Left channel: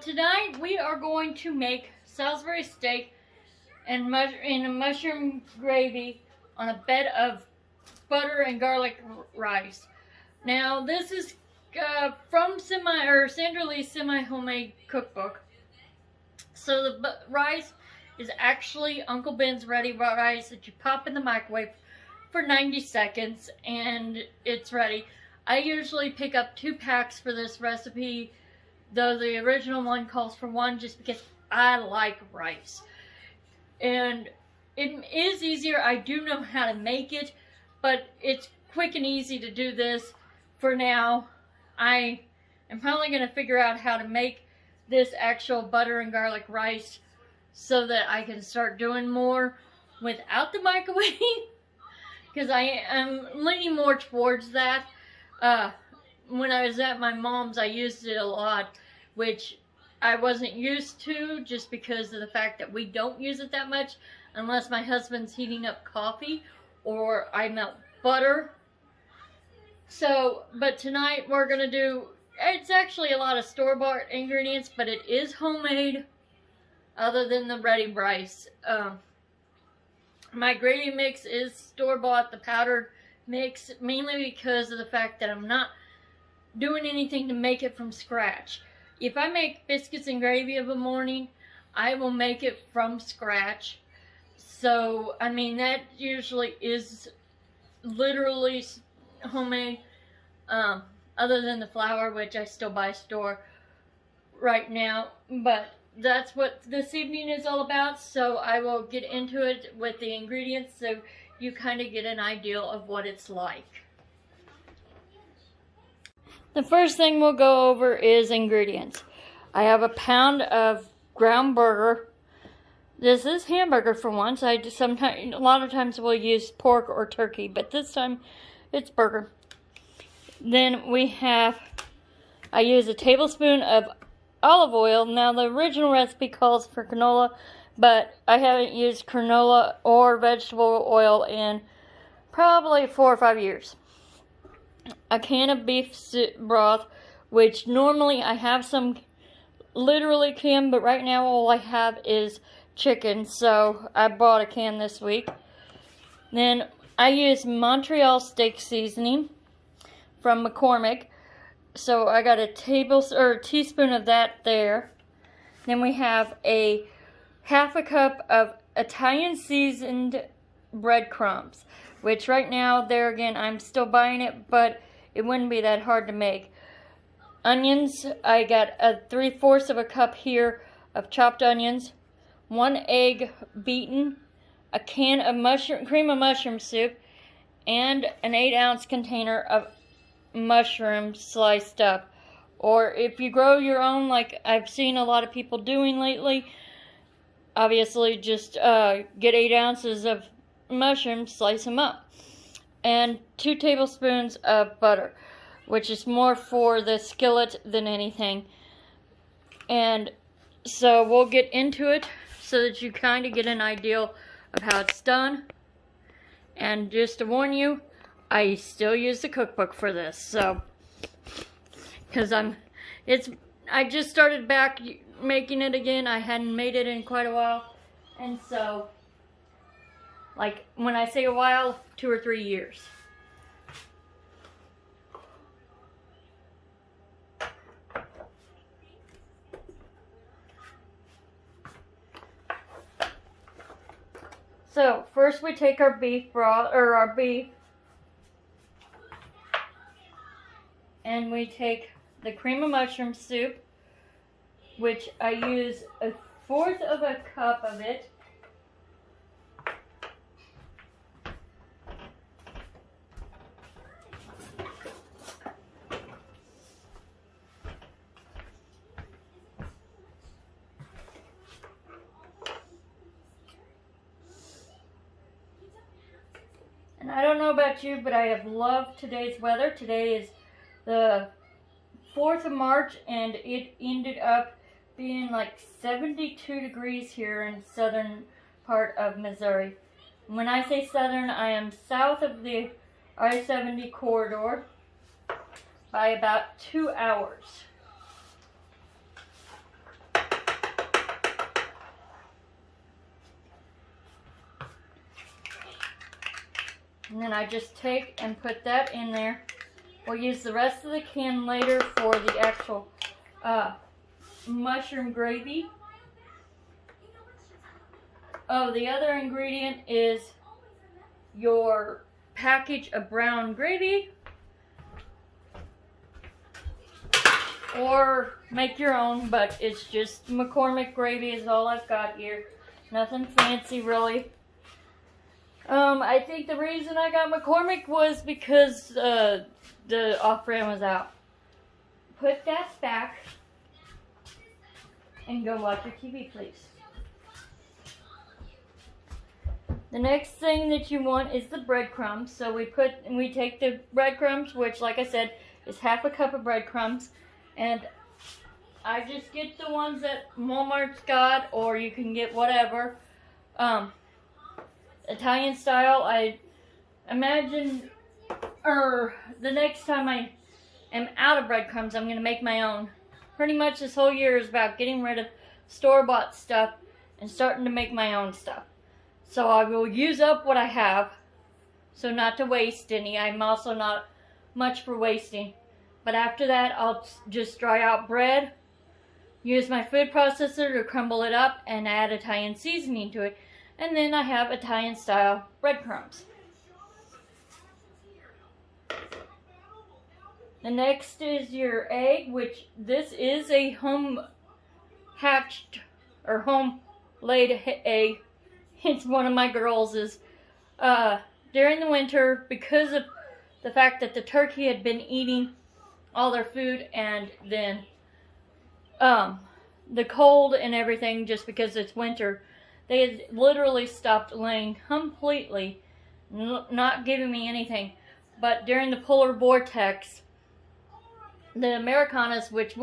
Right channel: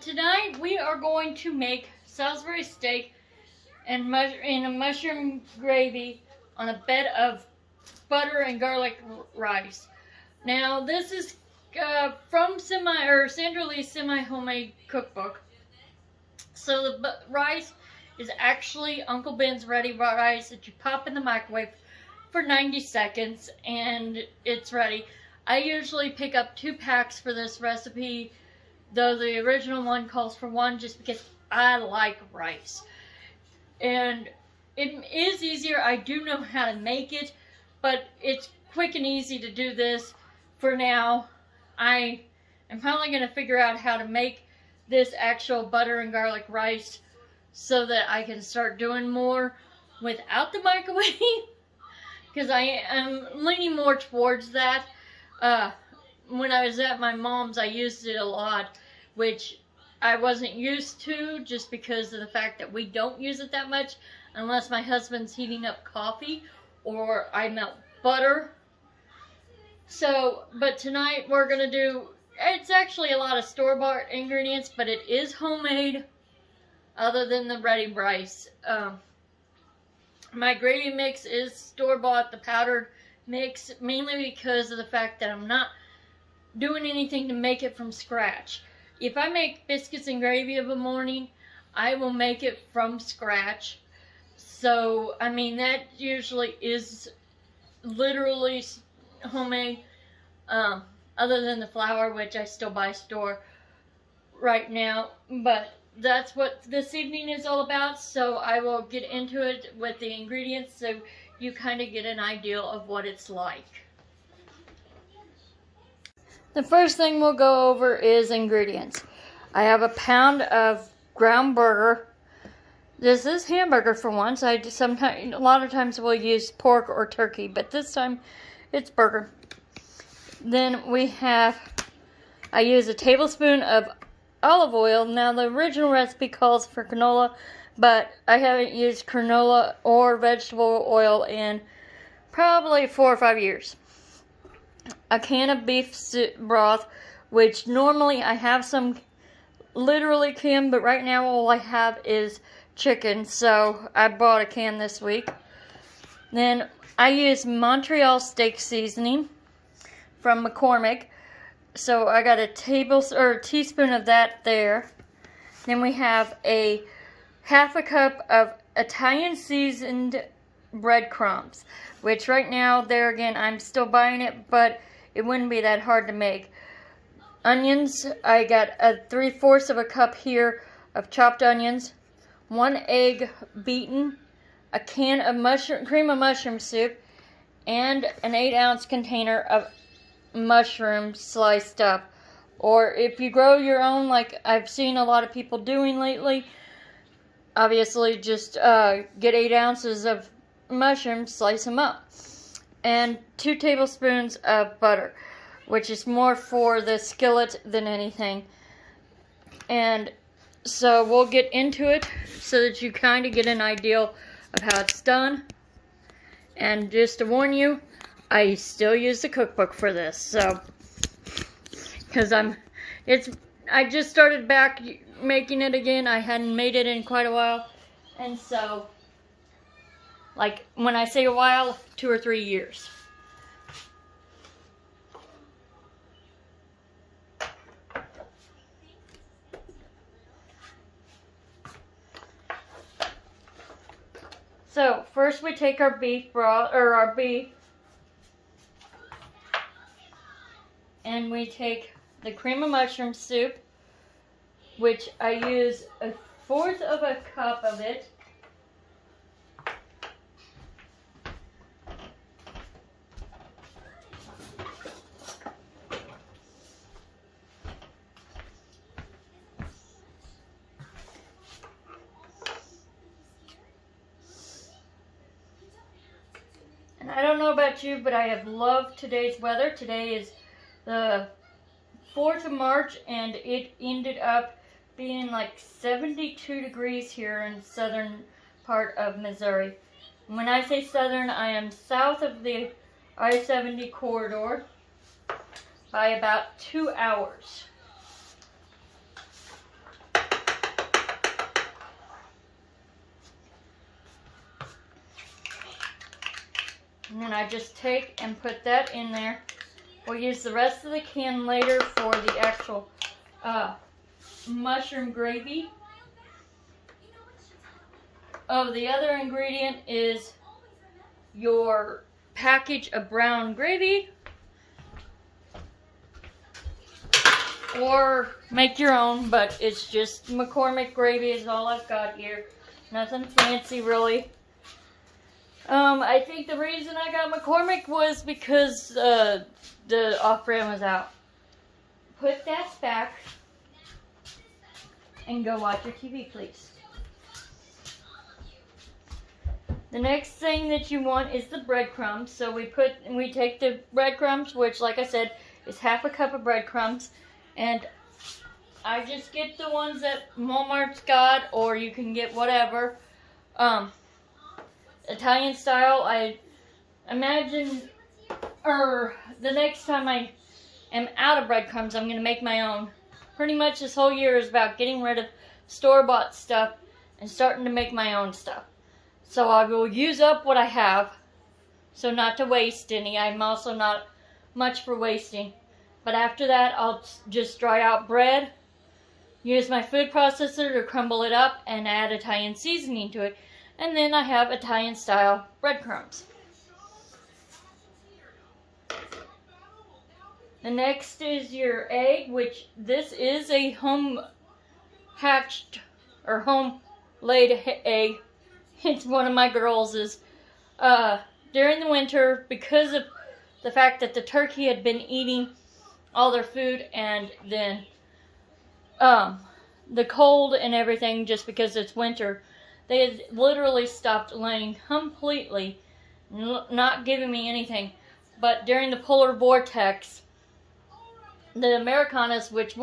tonight we are going to make Salisbury steak and in a mushroom gravy on a bed of butter and garlic rice. Now this is from Sandra Lee's semi-homemade cookbook. So the rice is actually Uncle Ben's ready rice that you pop in the microwave for 90 seconds and it's ready. I usually pick up 2 packs for this recipe, though the original one calls for 1 just because I like rice. And it is easier. I do know how to make it, but it's quick and easy to do this for now. I am probably going to figure out how to make this actual butter and garlic rice so that I can start doing more without the microwave because I am leaning more towards that. When I was at my mom's, I used it a lot, which I wasn't used to just because of the fact that we don't use it that much unless my husband's heating up coffee or I melt butter. So, but tonight we're going to do, it's actually a lot of store-bought ingredients, but it is homemade other than the ready rice. My gravy mix is store-bought, the powdered mix, mainly because of the fact that I'm not doing anything to make it from scratch. If I make biscuits and gravy of a morning, I will make it from scratch. So, I mean, that usually is literally homemade, other than the flour, which I still buy store right now. But that's what this evening is all about, so I will get into it with the ingredients so you kind of get an idea of what it's like. The first thing we'll go over is ingredients. I have a pound of ground burger. This is hamburger for once. A lot of times we'll use pork or turkey, but this time it's burger. Then I use a tablespoon of olive oil. Now the original recipe calls for canola, but I haven't used canola or vegetable oil in probably 4 or 5 years. A can of beef broth, which normally I have some literally can, but right now all I have is chicken, so I bought a can this week. Then I use Montreal steak seasoning from McCormick, so I got a teaspoon of that there. Then we have a half a cup of Italian seasoned breadcrumbs, which right now, there again, I'm still buying it, but it wouldn't be that hard to make. Onions, I got a 3/4 of a cup here of chopped onions, 1 egg beaten, a can of cream of mushroom soup, and an 8-ounce container of mushrooms sliced up. Or if you grow your own, like I've seen a lot of people doing lately, obviously just get 8 ounces of mushrooms, slice them up, and 2 tablespoons of butter, which is more for the skillet than anything. And so we'll get into it so that you kind of get an idea of how it's done. And just to warn you, I still use the cookbook for this, so because I just started back making it again. I hadn't made it in quite a while, and so, like, when I say a while, 2 or 3 years. So, first we take our beef broth, or our beef, and we take the cream of mushroom soup, which I use 1/4 of a cup of it. And I don't know about you, but I have loved today's weather. Today is the 4th of March, and it ended up being like 72 degrees here in southern part of Missouri. When I say southern, I am south of the I-70 corridor by about 2 hours. And then I just take and put that in there. We'll use the rest of the can later for the actual mushroom gravy. Oh, the other ingredient is your package of brown gravy. Or make your own, but it's just McCormick gravy is all I've got here. Nothing fancy, really. I think the reason I got McCormick was because the off-brand was out. Put that back and go watch your TV, please. The next thing that you want is the breadcrumbs. So we take the breadcrumbs, which, like I said, is half a cup of breadcrumbs, and I just get the ones that Walmart's got, or you can get whatever. Italian style. I imagine, or the next time I am out of breadcrumbs, I'm going to make my own. Pretty much this whole year is about getting rid of store-bought stuff and starting to make my own stuff. So I will use up what I have, so not to waste any. I'm also not much for wasting. But after that, I'll just dry out bread, use my food processor to crumble it up, and add Italian seasoning to it. And then I have Italian-style breadcrumbs. The next is your egg, which this is a home-hatched or home-laid egg. It's one of my girls'. During the winter, because of the fact that the turkey had been eating all their food, and then the cold and everything, just because it's winter, they had literally stopped laying completely, not giving me anything. But during the polar vortex, the Americanas, which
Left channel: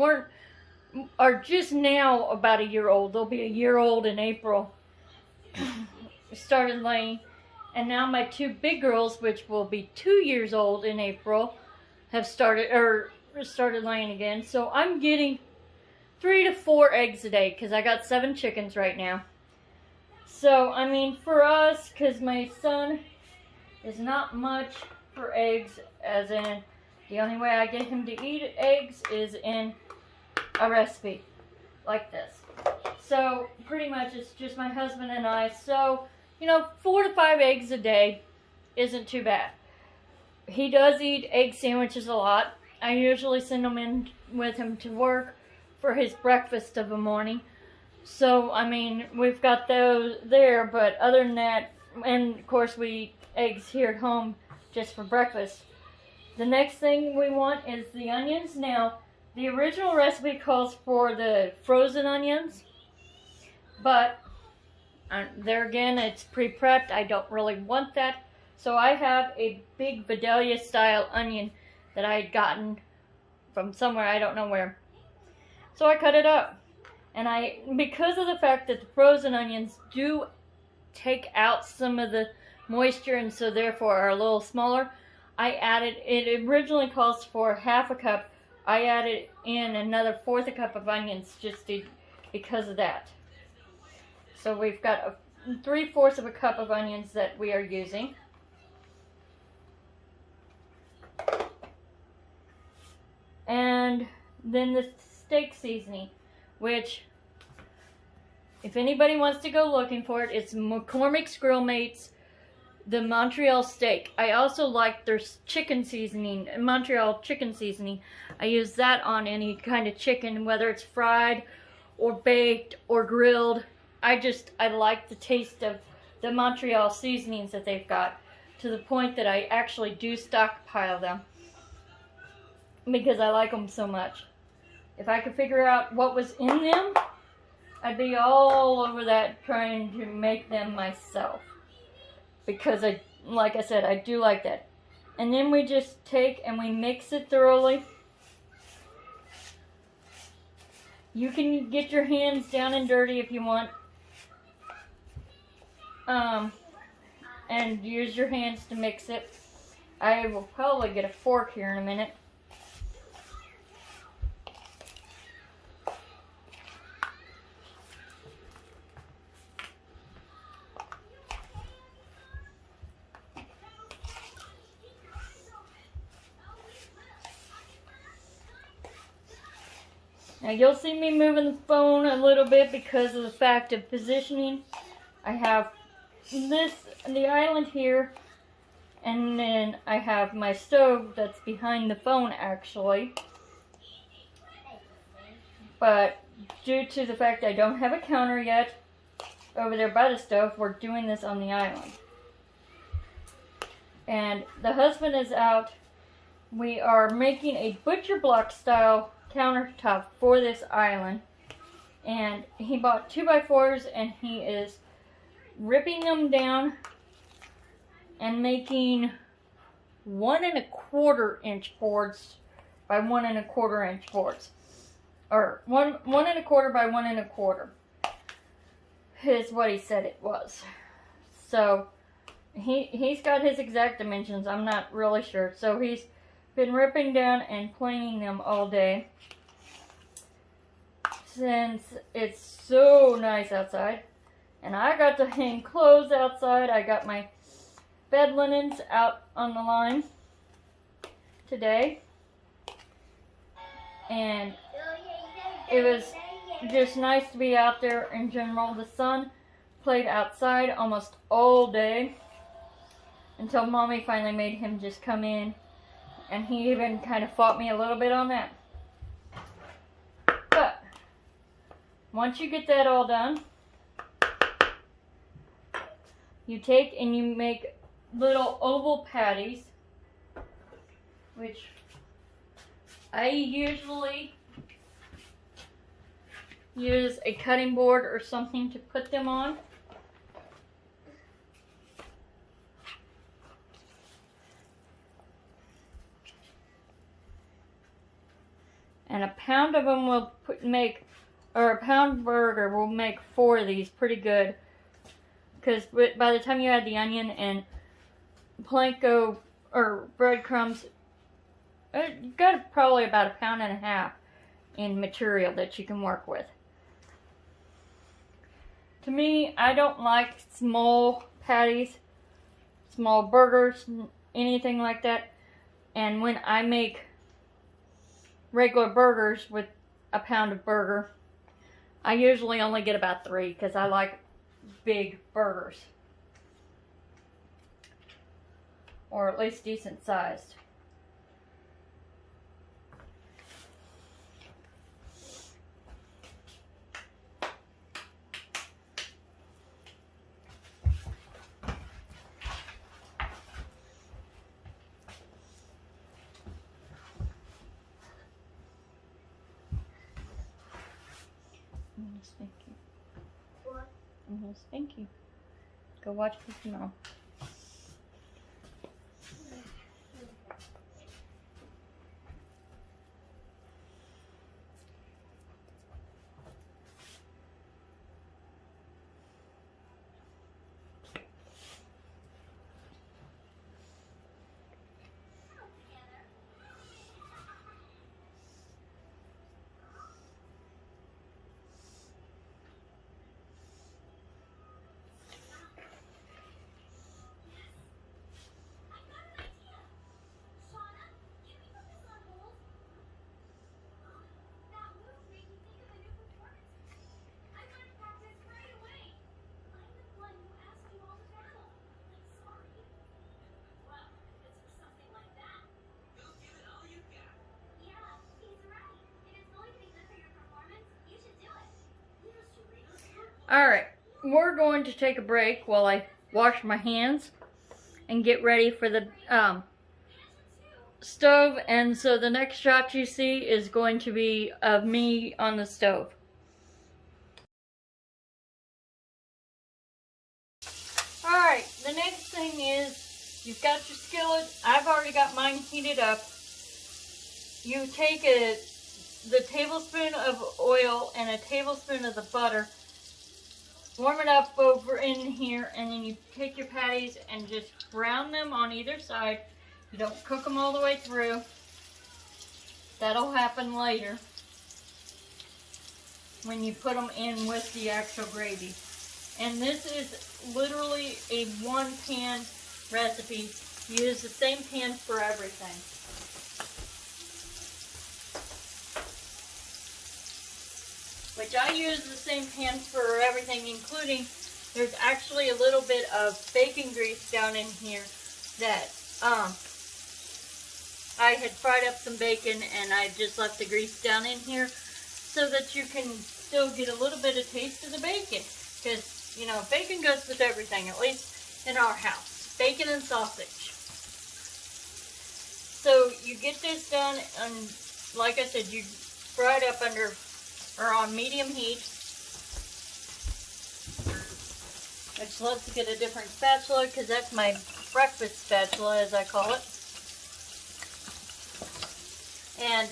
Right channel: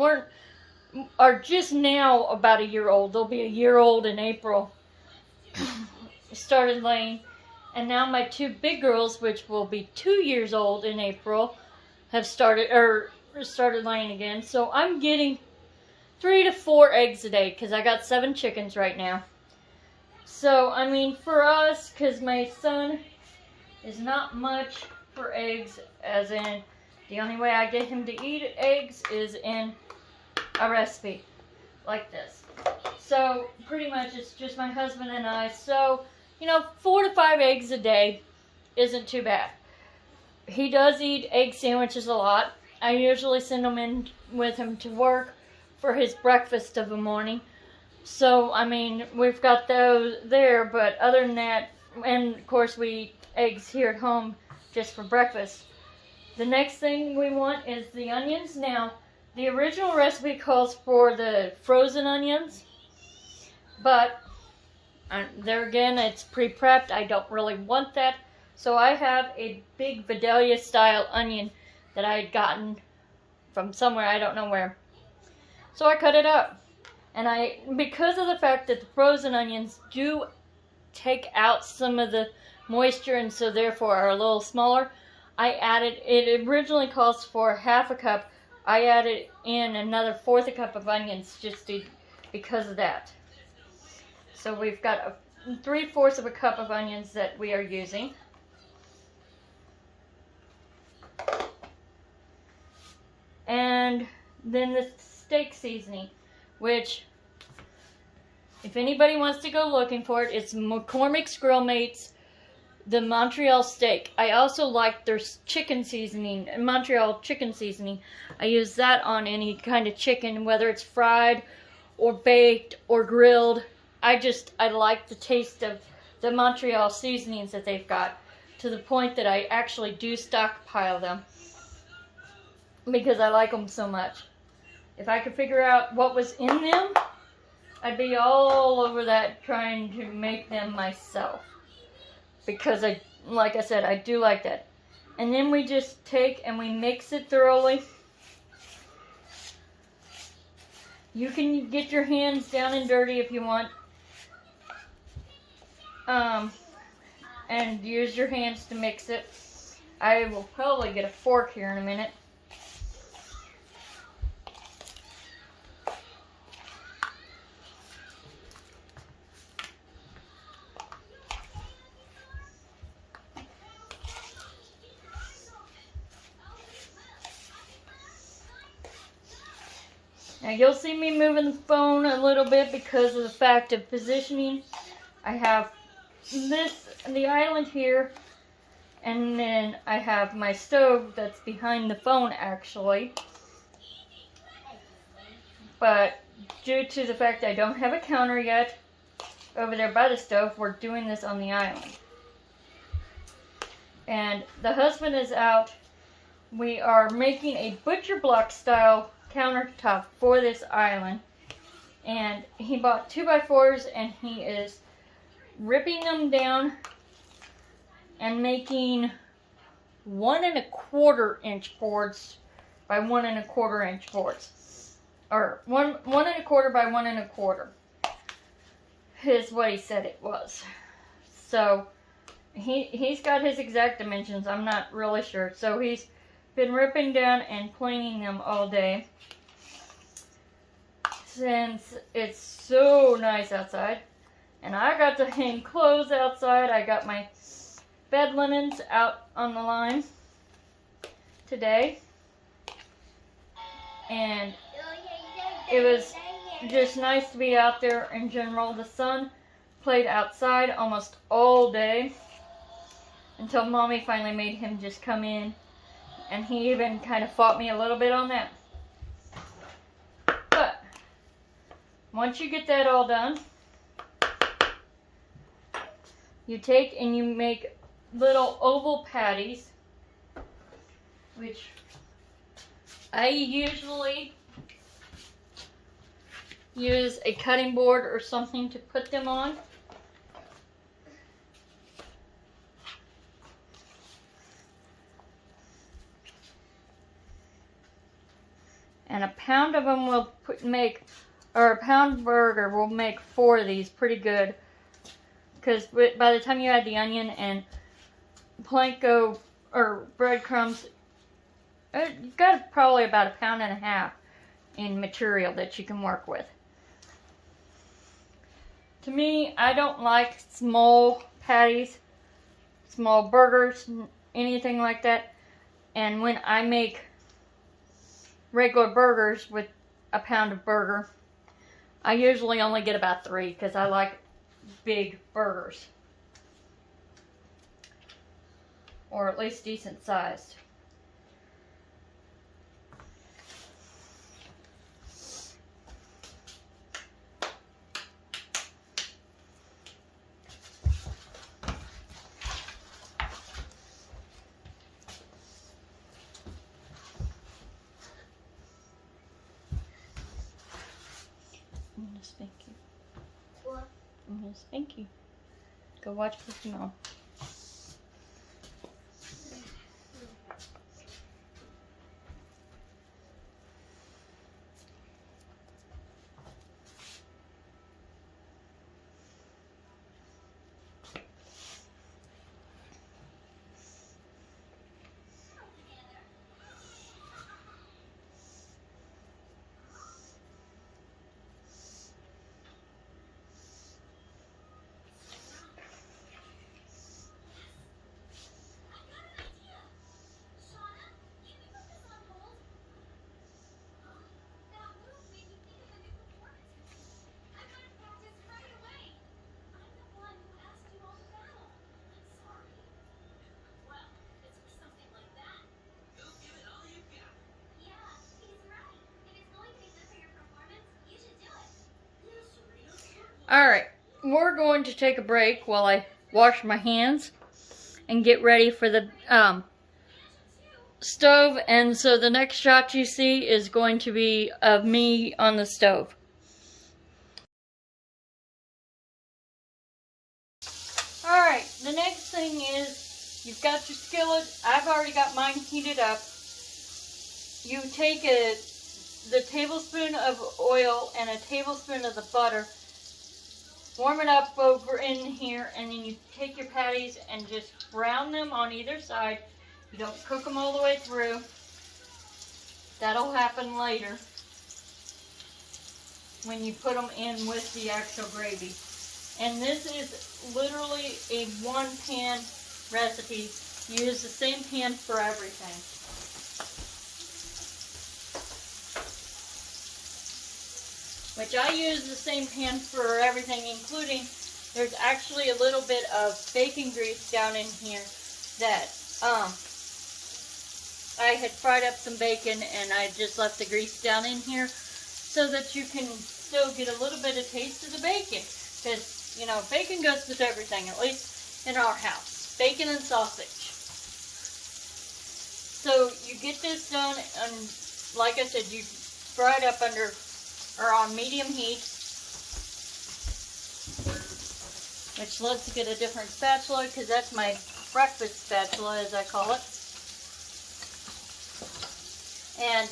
are just now about a year old, they'll be a year old in April, started laying. And now my two big girls, which will be 2 years old in April, have started laying again. So I'm getting 3 to 4 eggs a day, because I got 7 chickens right now. So, I mean, for us, because my son is not much for eggs, as in, the only way I get him to eat eggs is in a recipe like this. So, pretty much it's just my husband and I. So, 4 to 5 eggs a day isn't too bad. He does eat egg sandwiches a lot. I usually send them in with him to work for his breakfast of the morning. So, I mean, we've got those there, but other than that, and of course we eat eggs here at home just for breakfast. The next thing we want is the onions. Now, the original recipe calls for the frozen onions, but there again, it's pre-prepped. I don't really want that. So I have a big Vidalia style onion that I had gotten from somewhere, I don't know where. So I cut it up. And because of the fact that the frozen onions do take out some of the moisture and so therefore are a little smaller, it originally calls for half a cup. I added in another 1/4 cup of onions because of that. So we've got 3/4 of a cup of onions that we are using. And then the steak seasoning, which, if anybody wants to go looking for it, it's McCormick's Grill Mates, the Montreal steak. I also like their chicken seasoning, Montreal chicken seasoning. I use that on any kind of chicken, whether it's fried or baked or grilled. I like the taste of the Montreal seasonings that they've got, to the point that I actually do stockpile them because I like them so much. If I could figure out what was in them, I'd be all over that trying to make them myself, because like I said, I do like that. And then we just take and we mix it thoroughly. You can get your hands down and dirty if you want, and use your hands to mix it. I will probably get a fork here in a minute. Now you'll see me moving the phone a little bit because of the fact of positioning. I have the island here, and then I have my stove that's behind the phone actually. But due to the fact I don't have a counter yet over there by the stove, we're doing this on the island. And the husband is out. We are making a butcher block style countertop for this island. And he bought 2x4s and he is ripping them down and making 1 1/4 inch boards by 1 1/4 inch boards. Or 1 1/4 by 1 1/4 is what he said it was. So he's got his exact dimensions. I'm not really sure. So he's been ripping down and planing them all day since it's so nice outside. And I got to hang clothes outside. I got my bed linens out on the line today. And it was just nice to be out there in general. The sun played outside almost all day until Mommy finally made him just come in. And he even kind of fought me a little bit on that. But once you get that all done, you take and you make little oval patties, which I usually use a cutting board or something to put them on. And a pound of them will or a pound burger will make 4 of these pretty good. Because by the time you add the onion and panko or breadcrumbs, you've got probably about 1.5 pounds in material that you can work with. To me, I don't like small patties, small burgers, anything like that. And when I make regular burgers with a pound of burger, I usually only get about 3 because I like big burgers, or at least decent sized. I'm gonna spank you. What? I'm gonna spank you. Go watch Pokemon. Alright, we're going to take a break while I wash my hands and get ready for the stove. And so the next shot you see is going to be of me on the stove. Alright, the next thing is you've got your skillet. I've already got mine heated up. You take the tablespoon of oil and a tablespoon of the butter, warm it up over in here, and then you take your patties and just brown them on either side. You don't cook them all the way through. That'll happen later when you put them in with the actual gravy. And this is literally a 1-pan recipe. You use the same pan for everything. which I use the same pan for everything, including there's actually a little bit of bacon grease down in here that I had fried up some bacon and I just left the grease down in here so that you can still get a little bit of taste of the bacon. Because, you know, bacon goes with everything, at least in our house. Bacon and sausage. So you get this done, and like I said, you fry it up on medium heat. Which loves to get a different spatula because that's my breakfast spatula, as I call it. And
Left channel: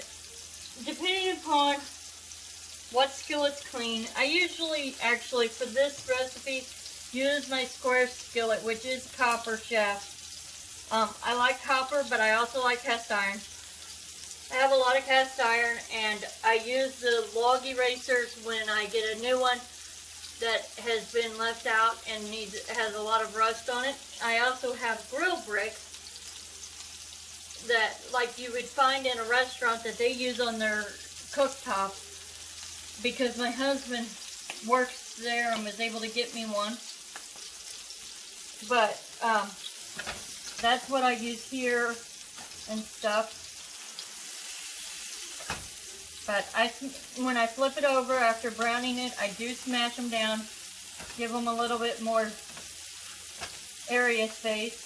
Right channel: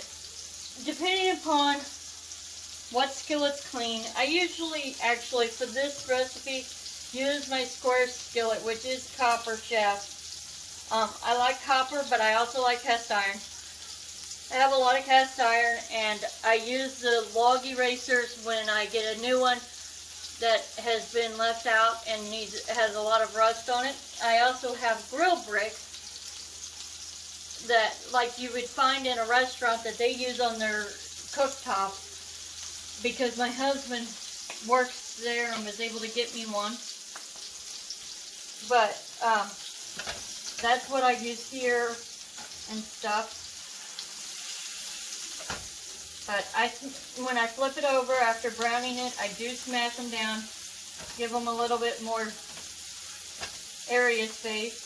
depending upon what skillet's clean, I usually actually for this recipe use my square skillet, which is copper shaft. I like copper, but I also like cast iron. I have a lot of cast iron, and I use the log erasers when I get a new one that has been left out and has a lot of rust on it. I also have grill bricks that, like you would find in a restaurant, that they use on their cooktop, because my husband works there and was able to get me one. But that's what I use here and stuff. But when I flip it over after browning it, I do smash them down, give them a little bit more area space.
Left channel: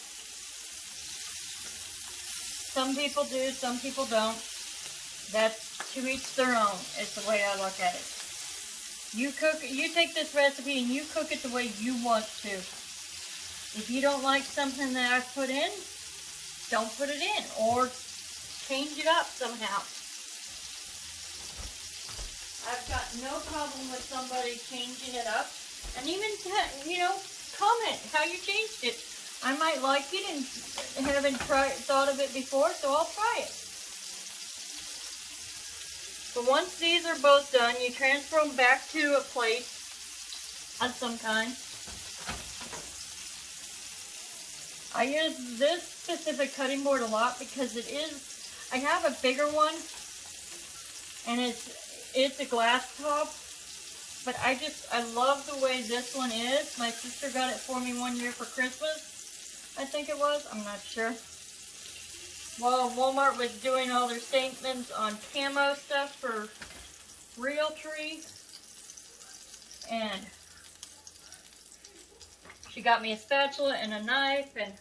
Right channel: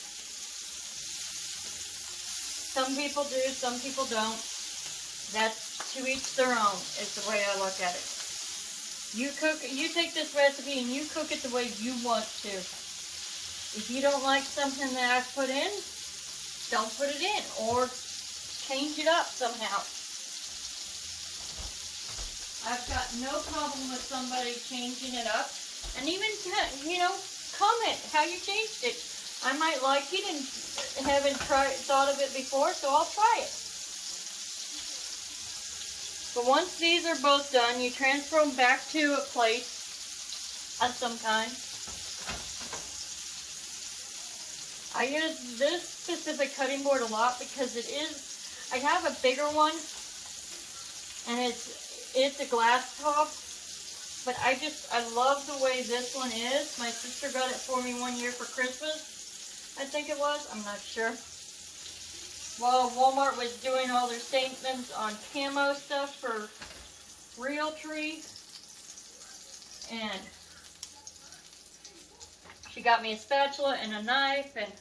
Some people do, some people don't. That's to each their own, is the way I look at it. You take this recipe and you cook it the way you want to. If you don't like something that I've put in, don't put it in, or change it up somehow. I've got no problem with somebody changing it up, and even, you know, comment how you changed it. I might like it and haven't thought of it before, so I'll try it. But once these are both done, you transfer them back to a plate of some kind. I use this specific cutting board a lot because I have a bigger one, and it's a glass top, but I love the way this one is. My sister got it for me one year for Christmas, I think it was, I'm not sure. While Walmart was doing all their statements on camo stuff for Realtree, and she got me a spatula and a knife, and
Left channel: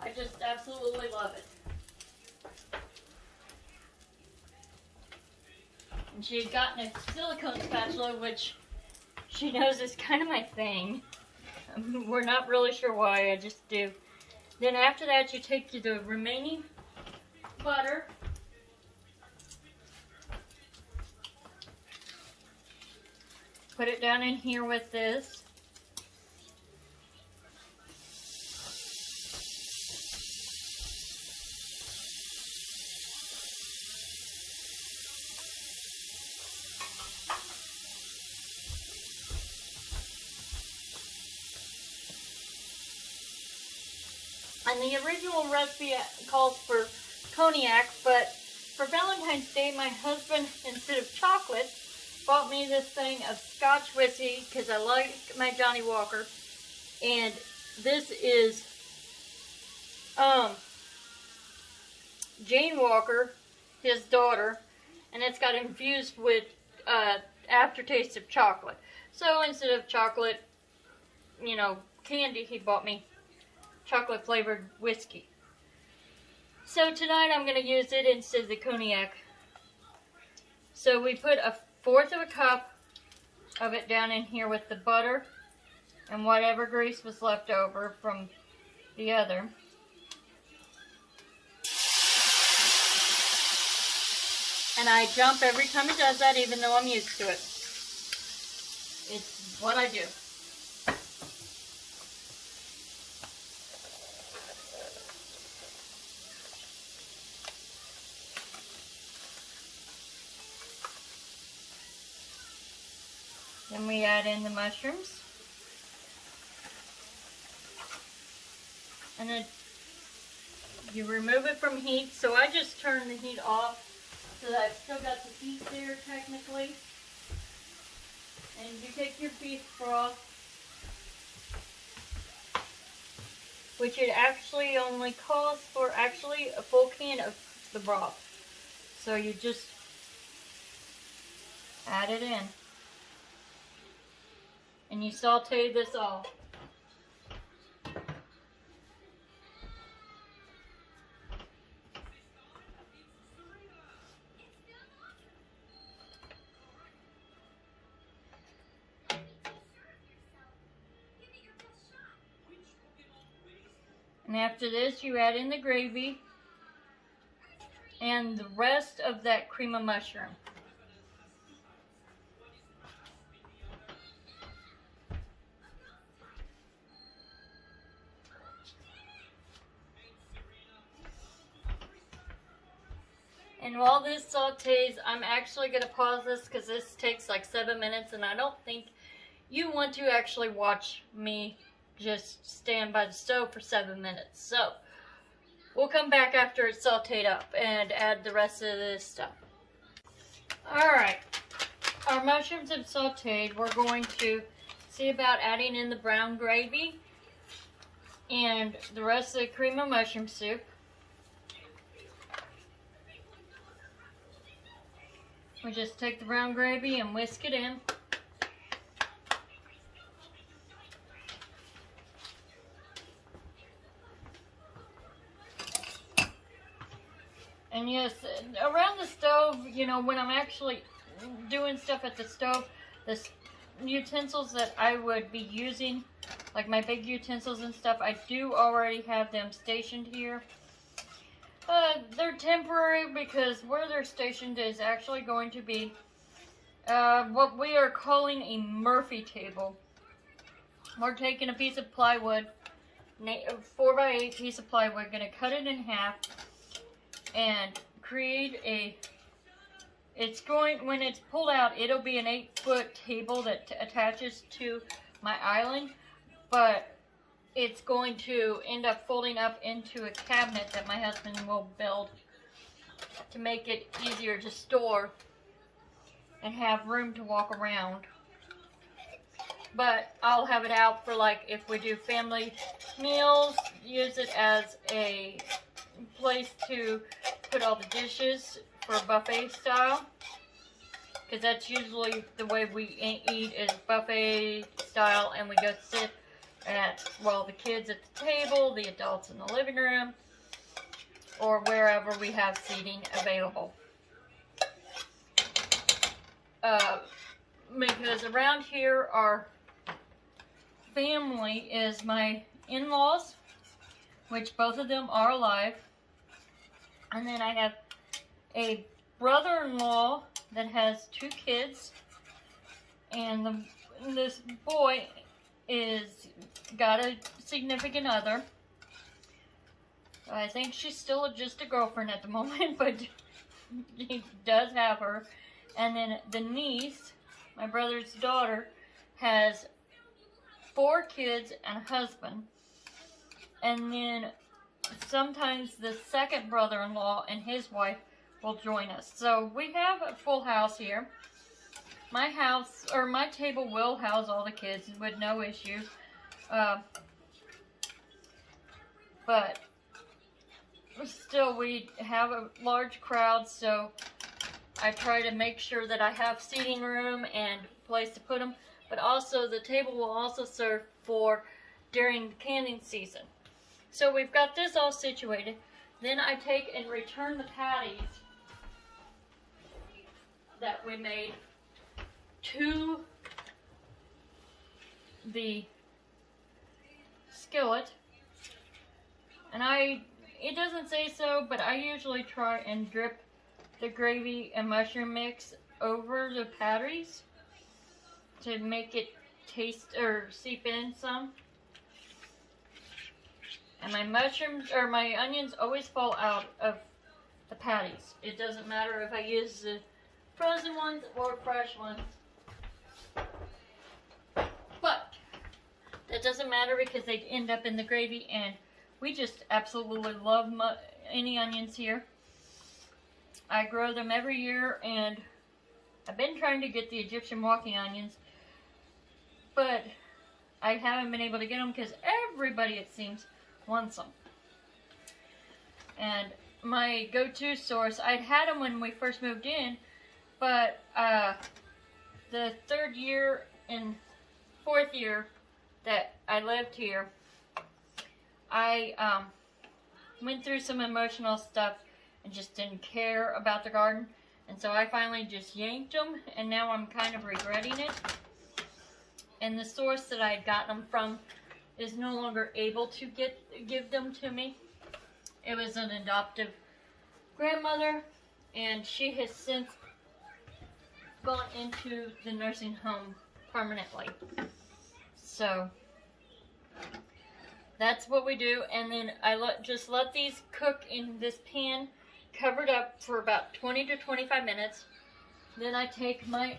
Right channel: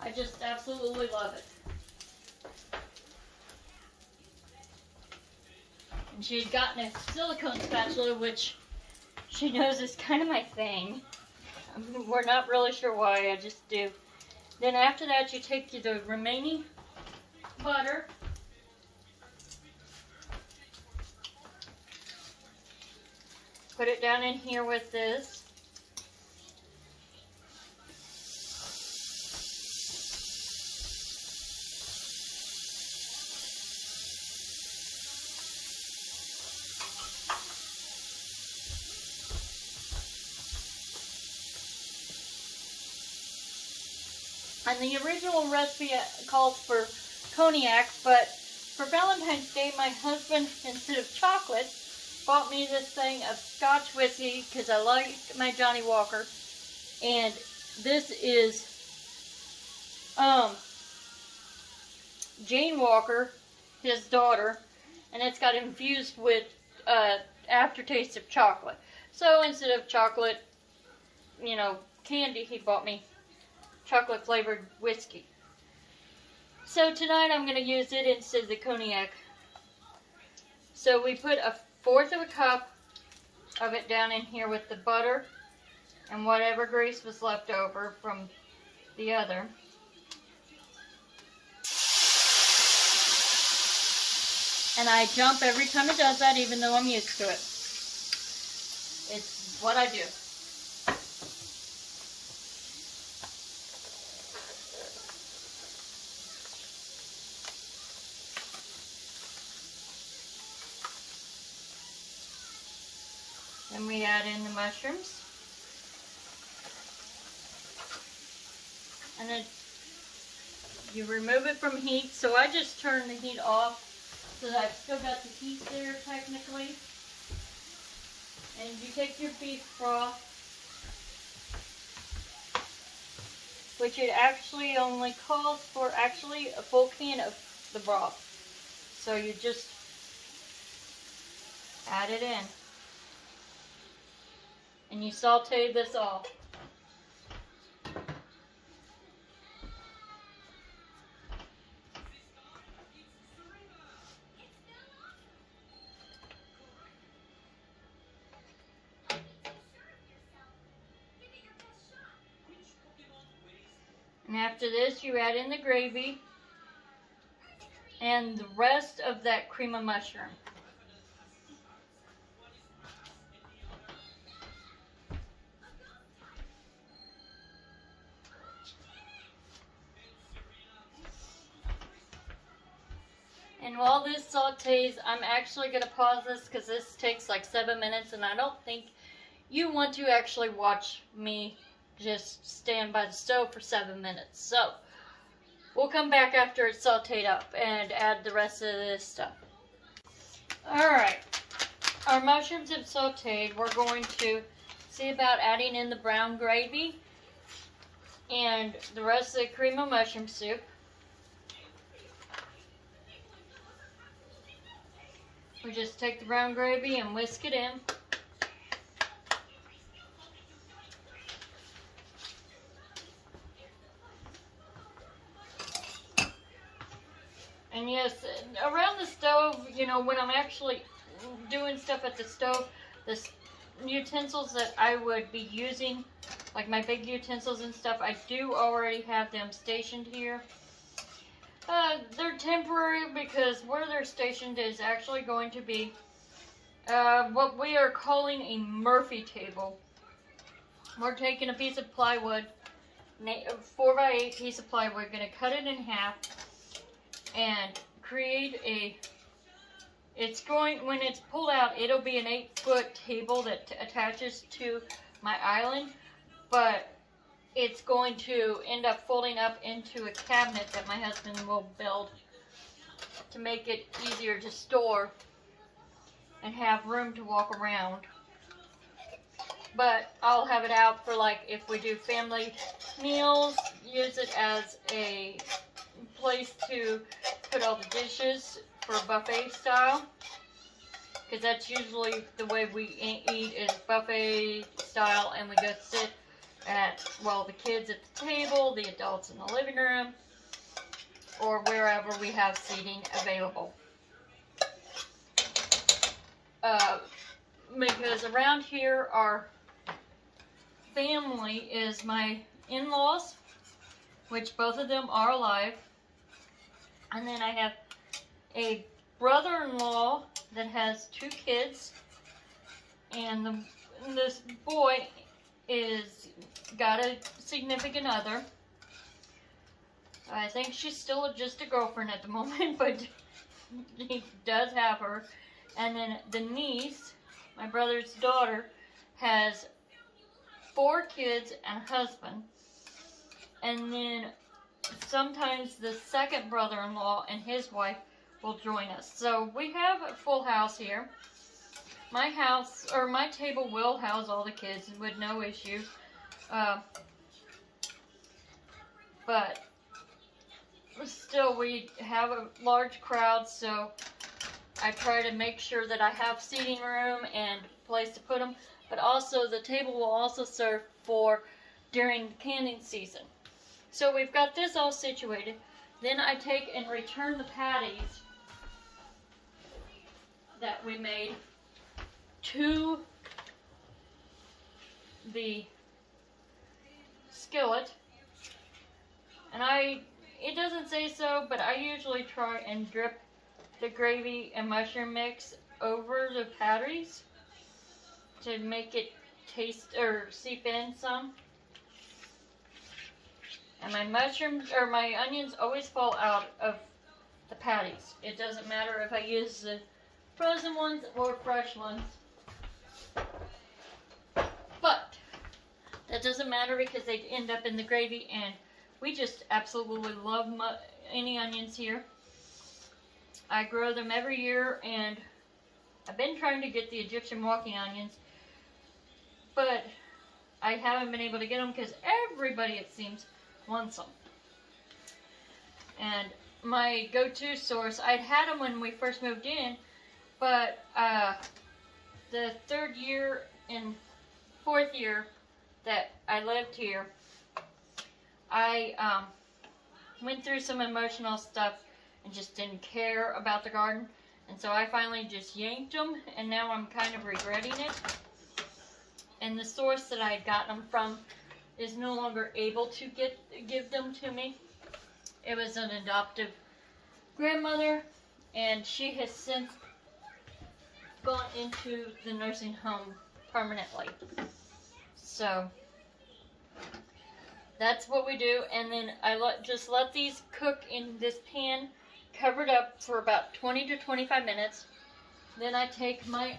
I just absolutely love it. And she had gotten a silicone spatula, which she knows is kind of my thing. We're not really sure why, I just do. Then after that, you take the remaining butter, put it down in here with this. And the original recipe calls for cognac, but for Valentine's Day, my husband, instead of chocolate, bought me this thing of Scotch whiskey because I like my Johnny Walker. And this is Jane Walker, his daughter, and it's got infused with aftertaste of chocolate. So instead of chocolate, you know, candy, he bought me chocolate flavored whiskey. So tonight I'm going to use it instead of the cognac. So we put 1/4 of a cup of it down in here with the butter and whatever grease was left over from the other. And I jump every time it does that, even though I'm used to it. It's what I do. Then we add in the mushrooms. And then you remove it from heat. So I just turn the heat off so that I've still got the heat there technically. And you take your beef broth, which it actually only calls for actually a full can of the broth. So you just add it in. And you saute this all. And after this, you add in the gravy and the rest of that cream of mushroom. And while this sautés, I'm actually going to pause this because this takes like 7 minutes, and I don't think you want to actually watch me just stand by the stove for 7 minutes. So we'll come back after it's sauteed up and add the rest of this stuff. Alright, our mushrooms have sauteed. We're going to see about adding in the brown gravy and the rest of the cream of mushroom soup. We just take the brown gravy and whisk it in. And yes, around the stove, you know, when I'm actually doing stuff at the stove, the utensils that I would be using, like my big utensils and stuff, I do already have them stationed here. They're temporary because where they're stationed is actually going to be what we are calling a Murphy table. We're taking a piece of plywood, 4x8 piece of plywood, going to cut it in half and create a, when it's pulled out, it'll be an 8-foot table that attaches to my island, but it's going to end up folding up into a cabinet that my husband will build to make it easier to store and have room to walk around. But I'll have it out for, like, if we do family meals, use it as a place to put all the dishes for buffet style, because that's usually the way we eat, is buffet style, and we go sit at, well, the kids at the table, the adults in the living room, or wherever we have seating available. Because around here, our family is my in-laws, which both of them are alive. And then I have a brother-in-law that has 2 kids, and this boy is got a significant other. I think she's still just a girlfriend at the moment, but he does have her. And then the niece, my brother's daughter, has 4 kids and a husband. And then sometimes the second brother-in-law and his wife will join us. So we have a full house here. My house, or my table, will house all the kids with no issue. But still, we have a large crowd, so I try to make sure that I have seating room and place to put them. But also, the table will also serve for during canning season. So we've got this all situated. Then I take and return the patties that we made to the skillet. And it doesn't say so, but I usually try and drip the gravy and mushroom mix over the patties to make it taste or seep in some. And my mushrooms, or my onions, always fall out of the patties. It doesn't matter if I use the frozen ones or fresh ones. But that doesn't matter because they end up in the gravy, and we just absolutely love any onions here. I grow them every year, and I've been trying to get the Egyptian walking onions, but I haven't been able to get them because everybody, it seems, wants them. And my go-to source, I'd had them when we first moved in, but the third year and fourth year that I lived here, I went through some emotional stuff and just didn't care about the garden. And so I finally just yanked them, and now I'm kind of regretting it. And the source that I had gotten them from is no longer able to give them to me. It was an adoptive grandmother, and she has since gone into the nursing home permanently. So that's what we do, and then I just let these cook in this pan, covered up for about 20 to 25 minutes. Then I take my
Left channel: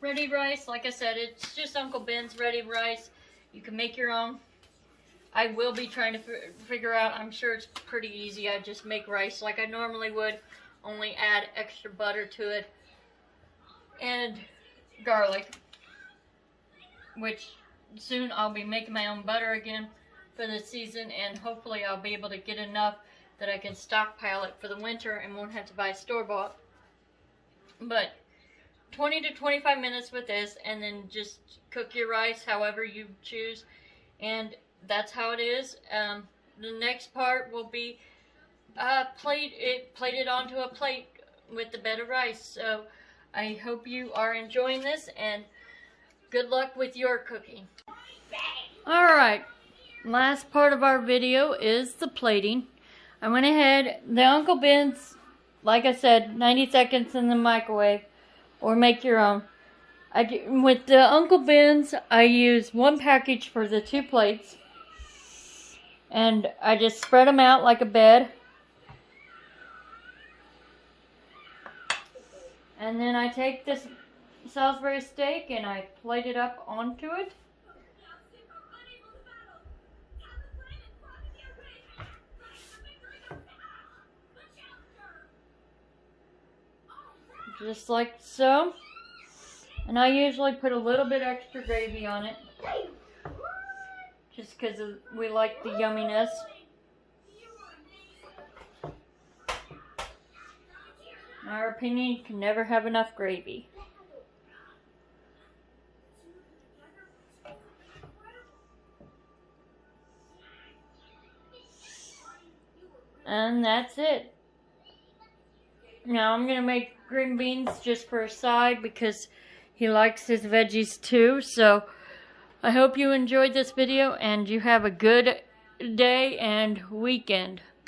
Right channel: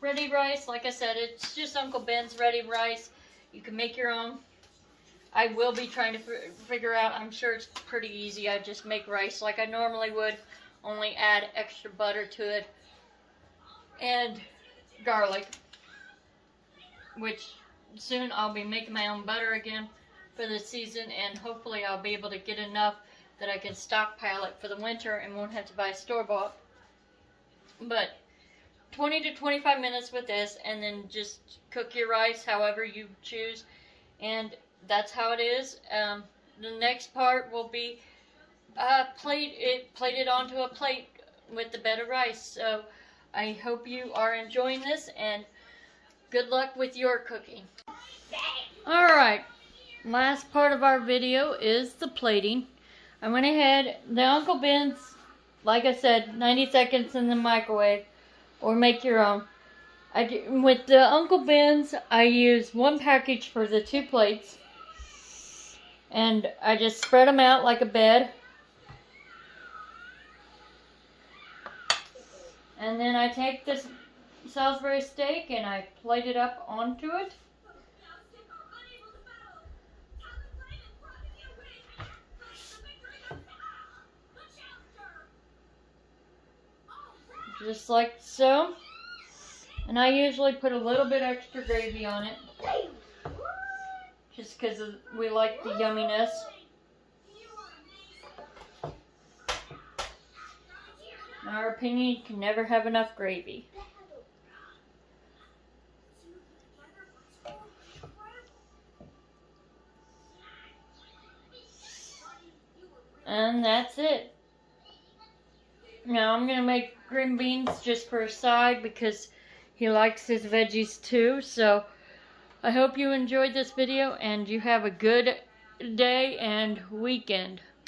ready rice. Like I said, it's just Uncle Ben's ready rice. You can make your own. I will be trying to figure out, I'm sure it's pretty easy. I just make rice like I normally would, only add extra butter to it and garlic, which soon I'll be making my own butter again for the season, and hopefully I'll be able to get enough that I can stockpile it for the winter and won't have to buy store-bought. But 20 to 25 minutes with this, and then just cook your rice however you choose, and that's how it is. The next part will be plate it onto a plate with the bed of rice. So I hope you are enjoying this, and good luck with your cooking. Alright, last part of our video is the plating. I went ahead, the Uncle Ben's, like I said, 90 seconds in the microwave, or make your own. With the Uncle Ben's, I use one package for the 2 plates, and I just spread them out like a bed. And then I take this Salisbury steak and I plate it up onto it. Just like so. And I usually put a little bit extra gravy on it, just because we like the yumminess. In our opinion, you can never have enough gravy. And that's it. Now I'm going to make green beans just for a side because he likes his veggies too. So I hope you enjoyed this video and you have a good day and weekend.